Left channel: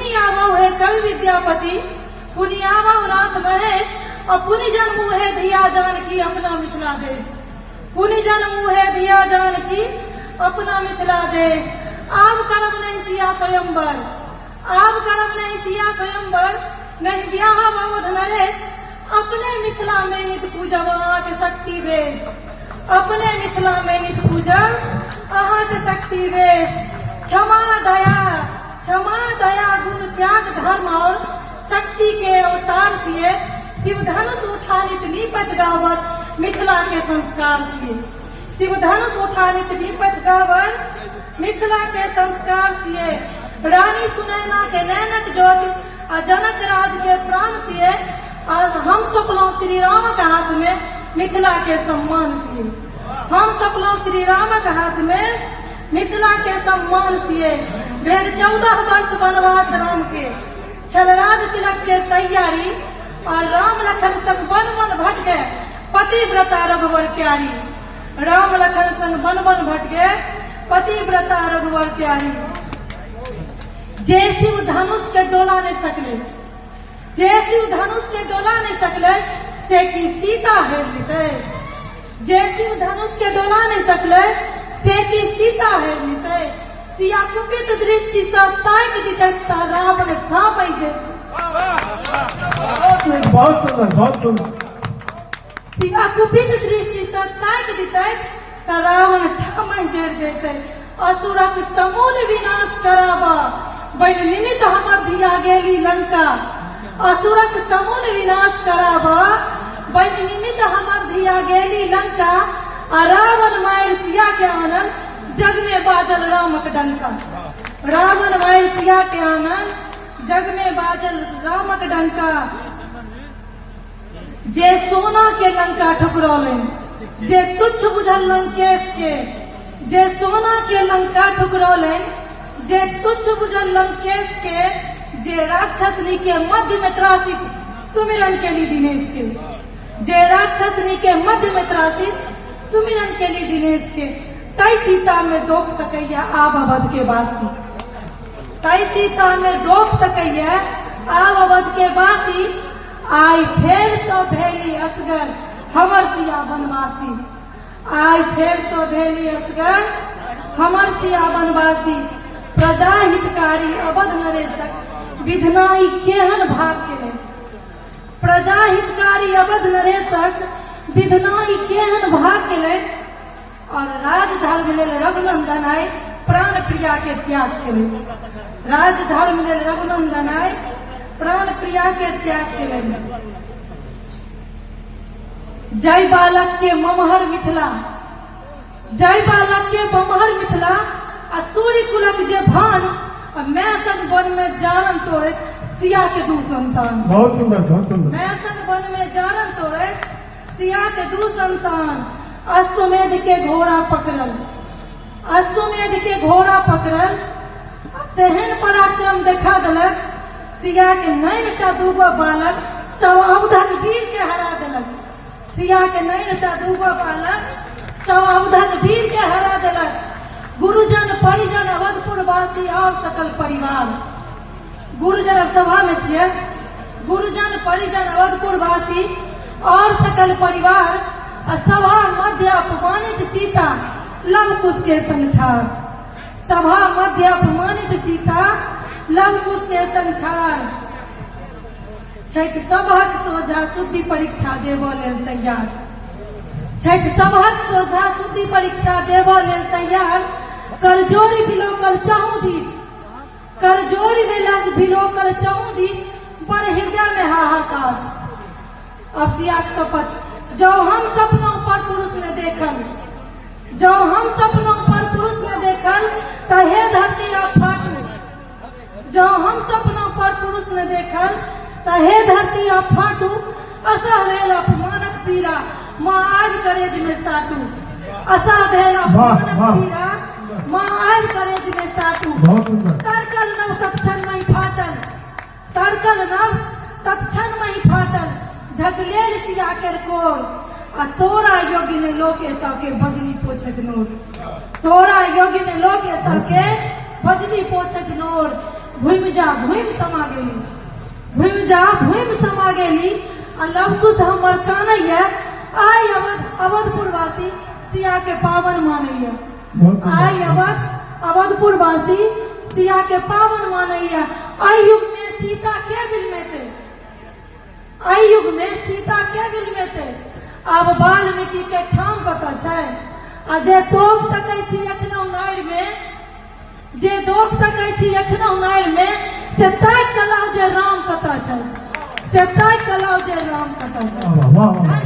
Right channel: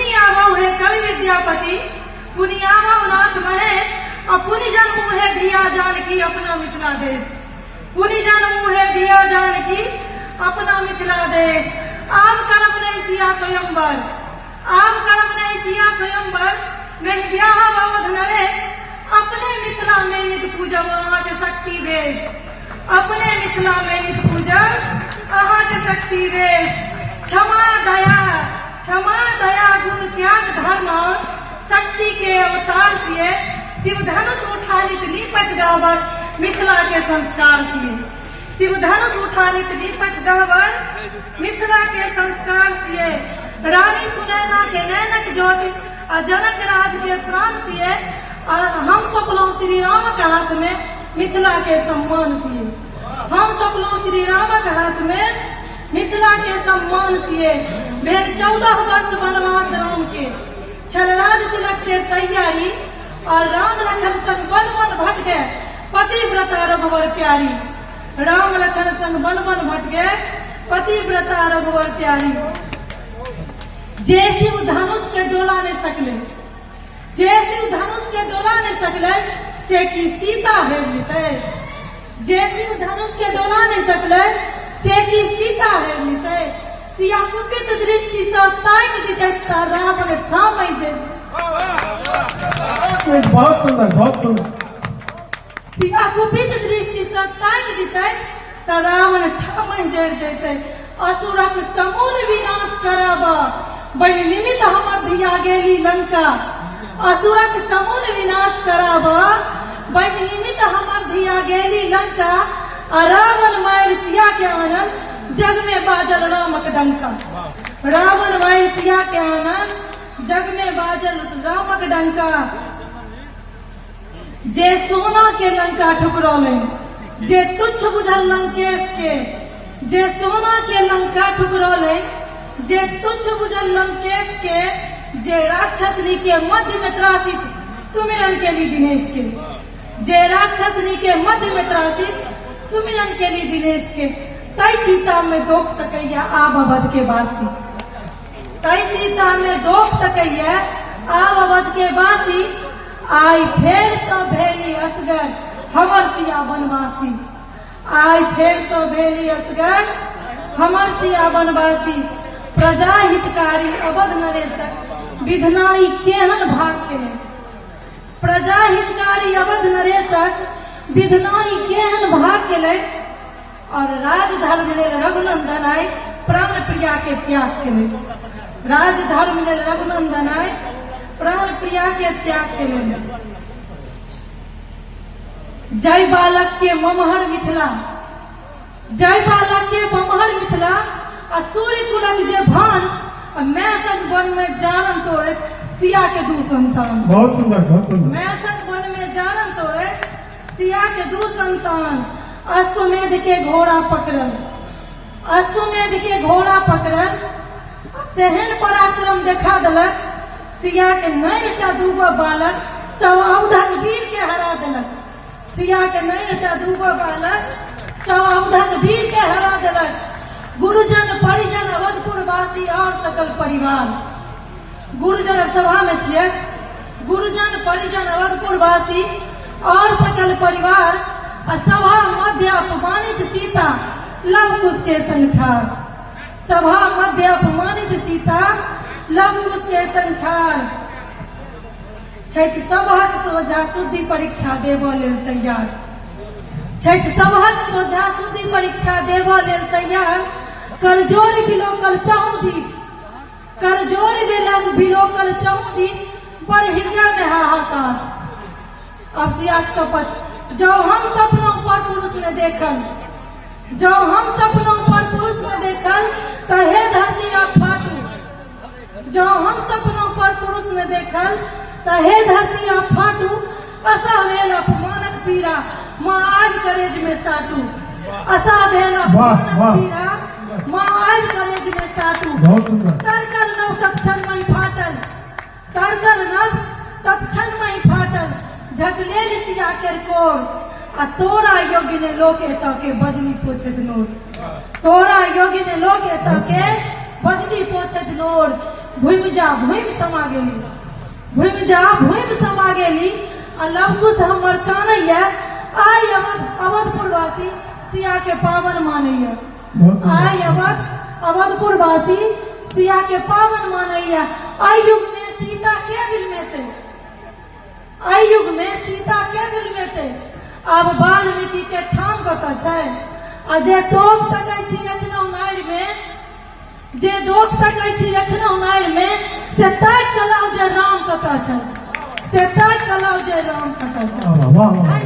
पुनियामऊ है कवि विद्यापति, पुनियामऊ नाथ महेश, और पुनि जन्मू है धिया जानकी अपना मिथिला देश। पुनि जन्मू है धिया जानकी अपना मिथिला देश। आब करब नहीं सिया स्वयंवर, आब करब नहीं सिया स्वयंवर, नहीं ब्याह अवध नरेश, अपने मिथिला में नित पूजब अहाँ के शक्ति वेश। अपने मिथिला में नित पूजब अहाँ के शक्ति वेश। क्षमा दया गुण त्याग धर्म और शक्ति के अवतार सिए, शिव धनुष उठानित नीपत गहवर मिथिला के संस्कार सिए। शिव धनुष उठानित नीपत गहवर मिथिला के संस्कार सिए। रानी सुनैना के नैनक ज्योति और जनक राज के प्राण सिए, और हम सपनों श्री राम के हाथ में मिथिला के सम्मान सिए। हम सपनों श्री राम के हाथ में मिथिला के सम्मान सिए। भेल 14 वर्ष वनवास राम के, छलराज तिलक के तैयारी, और राम लखन संग वन वन भटके पतिव्रता रघुवर प्यारी। राम लखन संग वन वन भटके पतिव्रता रघुवर प्यारी। जे शिव धनुष के डोला ने सकले, जे शिव धनुष के डोला ने सकले, से की सीता हेर लेते। जे शिव धनुष के डोला ने सकले, से की सीता हेर लेते। सिया कुपित दृष्टि से ताक दिते रावण ठाम जे। बहुत सुंदर, बहुत सुंदर। सिया कुपित दृष्टि से ताक दिते रावण ठाम जड़ जेते। असुरक समूल विनाश करावा, बन निमित्त हमर धिया गेली लंका। असुरक समूल विनाश करावा, बन निमित्त हमर धिया गेली लंका। रावण मार सिया के आनन, जग में बाजल रामक डंका। रावण मार सिया के आनन, जग में बाजल रामक डंका। जे सोना के लंका ठुकरौले, जे तुच्छ बुझल लंकेश के। जे सोना के लंका ठुकरौले, जे तुच्छ बुझल लंकेश के। जे राक्षसनी के मध्य में त्रासित सुमिरन के लिए दिनेश के। जे राक्षसनी के मध्य में त्रासित सुमिरन के लिए दिनेश के। तय सीता में दोख तकैया आब अवध के वासी। तय सीता में दोख तकैया आब अवध के वासी। आई फेर तो भेली असगर हमर सिया बनवासी। आई फेर तो भेली असगर हमर सिया बनवासी। प्रजा हितकारी अवध नरेशक विधनाई केहन भाग के। प्रजा हितकारी अवध नरेशक विधनाई केहन भाग के। और राजधर्म लेल रघुनंदन आय प्राण प्रिया के त्याग के। राजधर्म लेल रघुनंदन आय प्राण प्रिया के त्याग के। जय बालक के ममहर मिथिला, जय बालक के ममहर मिथिला। सूर्य कुलक जे भान, मैं संग वन में जानन तोड़े सिया के दू संतान। बहुत सुंदर, बहुत सुंदर। मैं संग वन में जानन तोड़े सिया के दू संतान। अश्वमेध के घोड़ा पकड़ल, अश्वमेध के घोड़ा पकड़ल। तेहन पराक्रम देखा दलक, सिया के 9टा दूगो बालक सब अवधक वीर के हरा दलक। सिया के 9टा दूगो बालक सब अवधक वीर के हरा दलक। गुरुजन परिजन अवधपुर वासी और सकल परिवार। गुरुजन सभा में छिए। गुरुजन परिजन अवधपुर वासी और सकल परिवार। सभा मध्य अपमानित सीता लव कुश के संग ठार। सभा मध्य अपमानित सीता लव कुश के संग ठार। छठि सभक सोझा शुद्धि परीक्षा देबो लेल तैयार। छठि सभक सोझा शुद्धि परीक्षा देबो लेल तैयार। कर जोड़ बिलोकल चाहूं दीस, कर जोड़ बिलोकल चाहूं दीस। बड़ हृदय में हाहाकार। अब सिया के शपथ, जब हम सपनों पर पुरुष ने देखल, जब हम सपनों पर पुरुष ने देखल, तो हे धरती आप फाटू। जब हम सपनों पर पुरुष ने देखल, तो हे धरती आप फाटू। असह भेल अपमानक पीड़ा, माँ आग करेज में साटू। असह भेल अपमानक पीड़ा, माँ आग करेज में साटू। तड़कल नव तत्क्षण में फाटल, तड़कल नव तत्क्षण में फाटल। झटले सिया कर कोर, तोरा योग्य ने लोक एत के बजली पोछत नोर। तोरा योग्य ने लोक एत के बजली पोछत नोर। भूमि जा भूमि समा गेली, भूमि जा भूमि समा गेली। आ लवकुश हमर कानैया आई अवधपुर वासी सिया के पावन मानैया। बहुत सुंदर। आई अवधपुर वासी सिया के पावन मानैया। आई युग में सीता के दिल में थे, आई युग में सीता के दिल में थे। अब वाल्मीकि के ठाम कतऽ छै? आ जे दोख तकै छी एखनो नारि में, जे दोख तकै छी एखनो नारि में, से ताकि कऽ लाउ जे राम कतऽ छै, से ताकि कऽ लाउ जे राम कतऽ छै। वाह वाह वाह।